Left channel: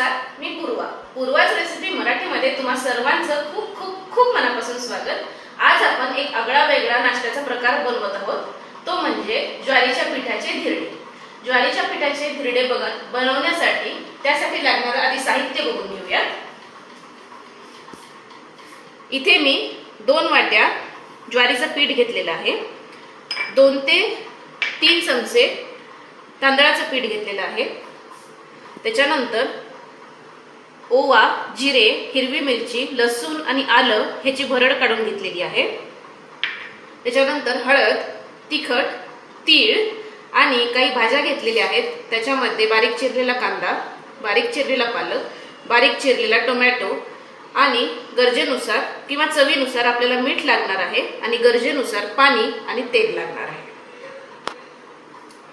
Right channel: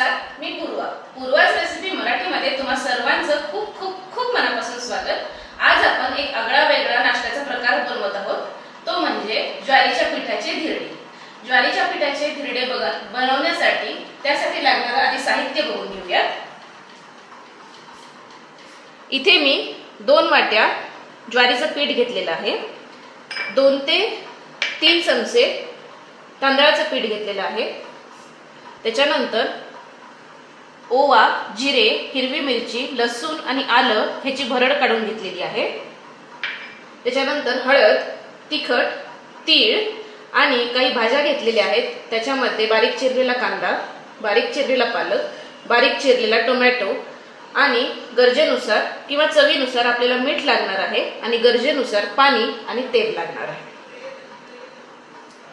नमस्कार, मी पूर्वाच रेसिपी मराठीमध्ये तुम्हा सर्वांचं खूप खूप खूप मनापासून स्वागत। आज आपण एक आगळा वेगळा नाश्त्याचा प्रकार बनवत आहोत, तो म्हणजे ज्वारीच्या पिठाचे धिरडे। ज्वारीच्या पिठाचे धिरडे बनवण्यासाठी त्यासाठी लागणारे आधी साहित्य बघून घेऊया। इथे मी 2 वाट्या ज्वारीचं पीठ घेतलेलं आहे। 2 ते 3 चमचे तांदळाचं पीठ घेतलेलं आहे। त्याच्यानंतर ओवा, जिरे, हिरवी मिरची, लसूण आणि आलं ह्याची भरड काढून घेतलेली आहे। त्याच्यानंतर हळद, तिखट, तीळ आणि काही भाज्या घेतलेल्या आहेत। त्याच्यामध्ये बारीक चिरलेला कांदा, बारीक चिरलेला पालक, बारीक चिरलेला टोमॅटो आणि गरजेनुसार किंवा चवीनुसार आपल्याला मीठ लागणार आहे आणि गरजेनुसार पाणी आणि तेल लागणार आहे।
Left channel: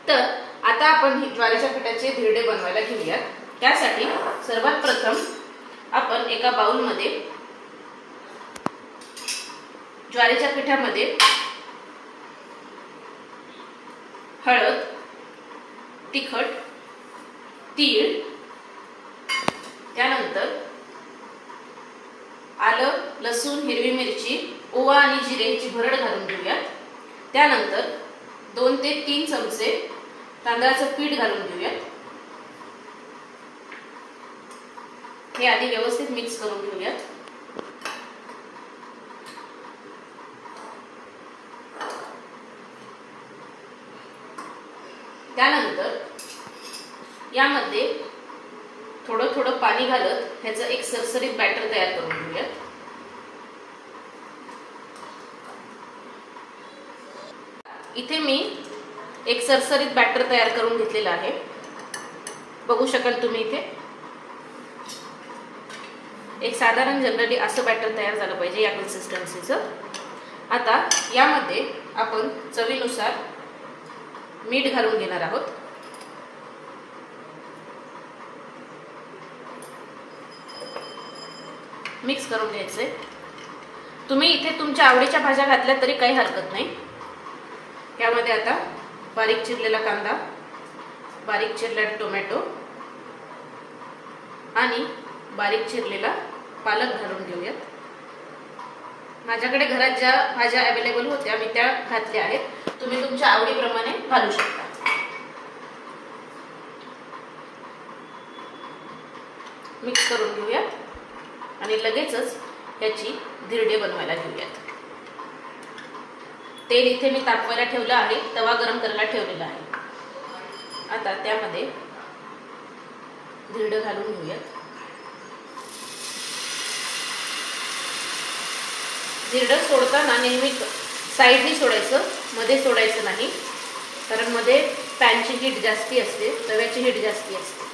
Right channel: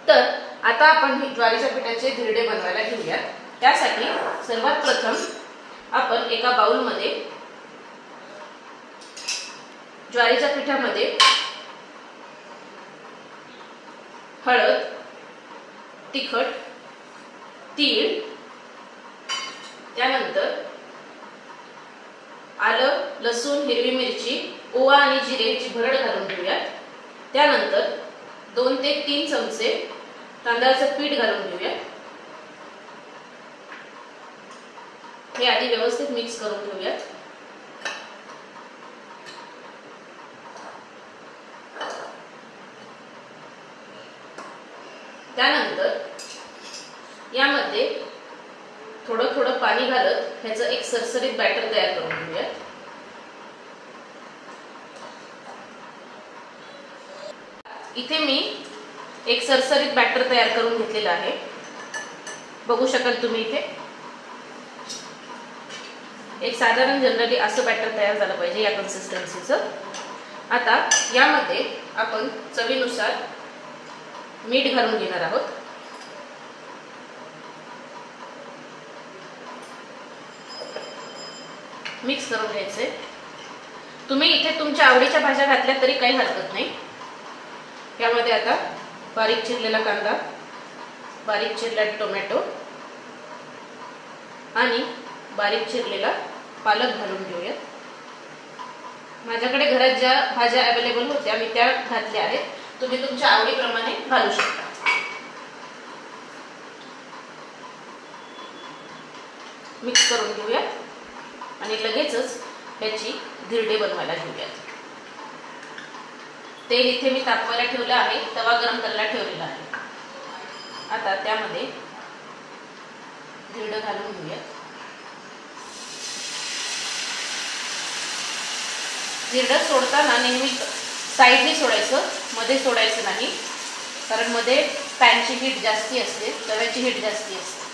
तर आता आपण ज्वारीच्या पिठाचे धिरडे बनवायला घेऊया। त्यासाठी सर्वात प्रथम आपण एका बाउल मध्ये ज्वारीच्या पिठामध्ये हळद, तिखट, तीळ, त्यानंतर आलं, लसूण, हिरवी मिरची, ओवा आणि जिरे याची भरड घालून घेऊया। त्यानंतर 2 ते 3 चमचे तांदळाचं पीठ घालून घेऊया। हे आधी व्यवस्थित मिक्स करून घेऊया। त्यानंतर यामध्ये थोडं थोडं पाणी घालत ह्याचं एक सरसरीत बॅटर तयार करून घेऊया। इथे मी एक सरसरीत बॅटर तयार करून घेतलेला आहे, बघू शकाल तुम्ही। इथे एक साधारण जनरली असं बॅटर तयार झालं पाहिजे या कन्सिस्टन्सीचं। आता यामध्ये आपण चवीनुसार मीठ घालून घेणार आहोत। मिक्स करून घ्यायचे। तुम्ही इथे तुमच्या आवडीच्या भाज्या घातल्या तरी काही हरकत नाही। यामध्ये आता बारीक चिरलेला कांदा, बारीक चिरलेला टोमॅटो आणि बारीक चिरलेला पालक घालून घेऊया। माझ्याकडे घरात ज्या भाज्या अवेलेबल होत्या मी त्या घातल्या आहेत, तुम्ही तुमच्या आवडीप्रमाणे घालू शकता। मिक्स करून घेऊया आणि लगेचच याची धिरडे बनवायला घेऊयात। तेल इथे मी तापवायला ठेवलं आहे, तवा गरम करायला ठेवलेला आहे। आता त्यामध्ये धिरडे घालून घेऊयात। धिरडे सोडताना नेहमी साईडनी सोडायचं, मध्ये सोडायचं नाही, कारण मध्ये पॅनची हीट जास्ती असते, तव्याची हीट जास्ती असते।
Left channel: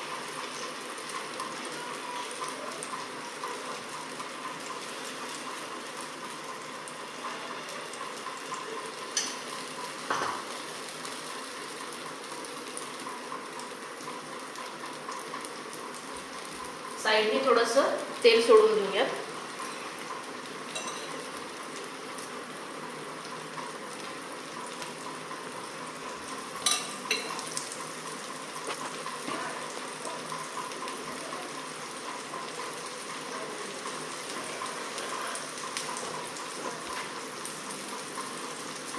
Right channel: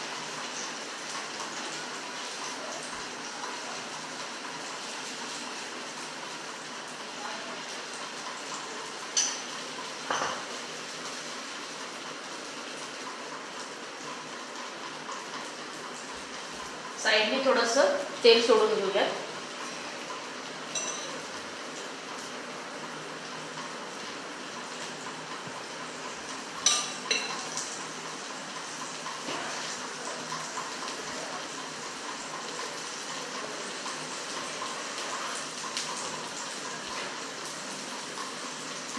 साइडने थोडंसं तेल सोडून घेऊयात।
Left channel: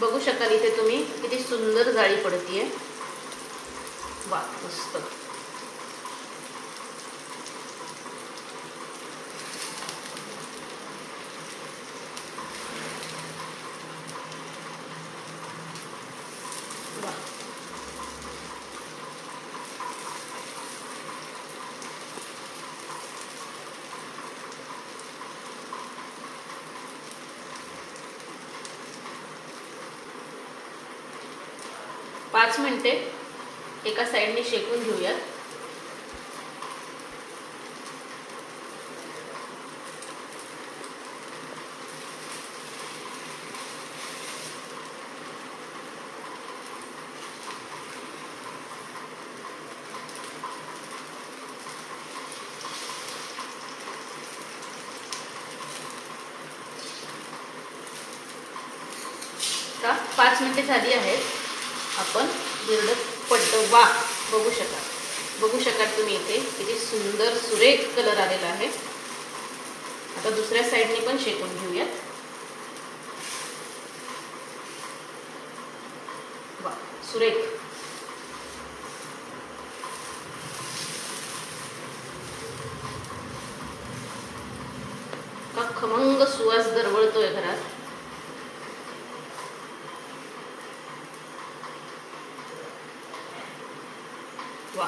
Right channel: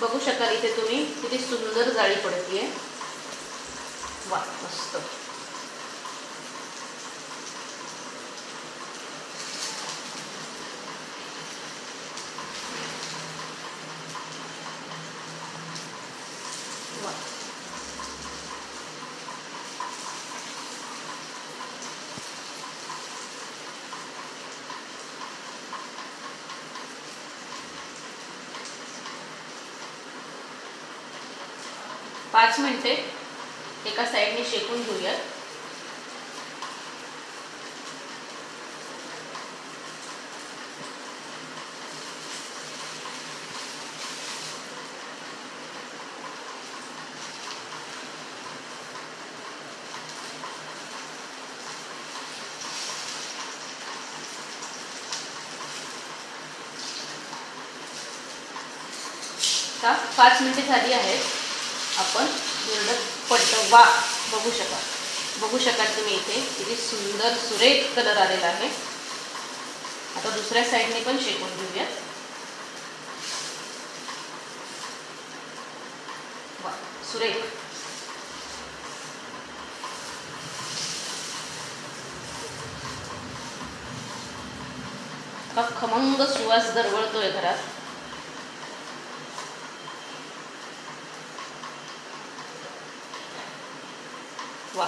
बघू शकाल इथे तुम्ही किती सुंदर जाळी पडतीये। वा, मस्त। पाच मिनिटे एका साइडने शेकून घेऊया। का 5 मिनिटे झाली आहेत। आपण धिरडे पलटवा, बघू शकाल। बघू शकाल तुम्ही इथे किती सुंदर सुरेख कलर आलेला आहे। आता दुसऱ्या साईडने पण शेकून घेऊया। वा, सुरेख। का खमंग सुवास दरवळतोय घरात। वा,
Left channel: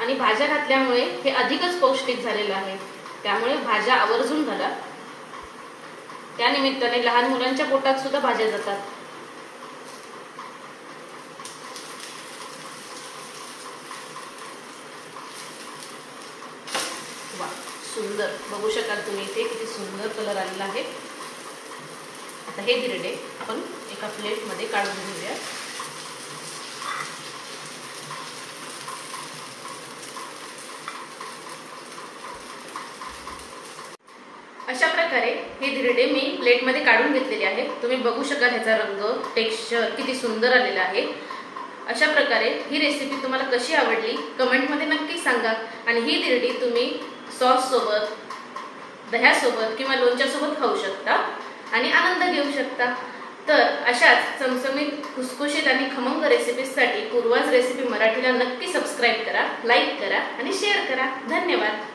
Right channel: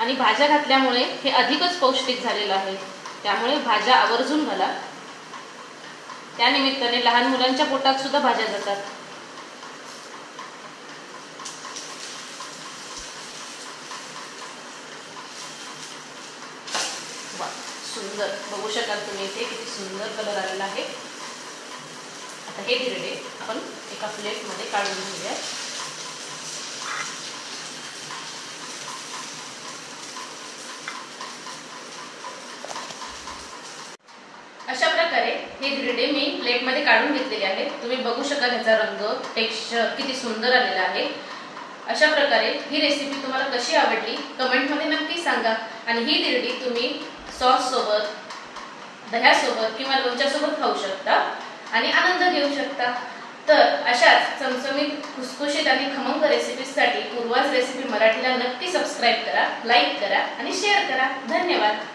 आणि भाज्या घातल्यामुळे हे अधिकच पौष्टिक झालेलं आहे, त्यामुळे भाज्या आवर्जून घाला। त्यानिमित्ताने लहान मुलांच्या पोटात सुद्धा भाज्या जातात। वा, सुंदर। बघू शकाल तुम्ही इथे किती सुंदर कलर आलेला आहे। आता हे धिरडे आपण एका प्लेटमध्ये काढून घेऊया। अशा प्रकारे हे धिरडे मी प्लेटमध्ये काढून घेतलेले आहेत। तुम्ही बघू शकाल ह्याचा रंग, टेक्स्चर किती सुंदर आलेला आहे। अशा प्रकारे ही रेसिपी तुम्हाला कशी आवडली कमेंटमध्ये नक्की सांगा। आणि ही धिरडी तुम्ही सॉस सोबत, दह्यासोबत किंवा लोणच्यासोबत खाऊ शकता आणि आनंद घेऊ शकता। तर अशाच चमचमीत, खुसखुशीत आणि खमंग रेसिपीजसाठी पूर्वाज रेसिपी मराठीला नक्की सबस्क्राईब करा, लाईक करा आणि शेअर करा। धन्यवाद।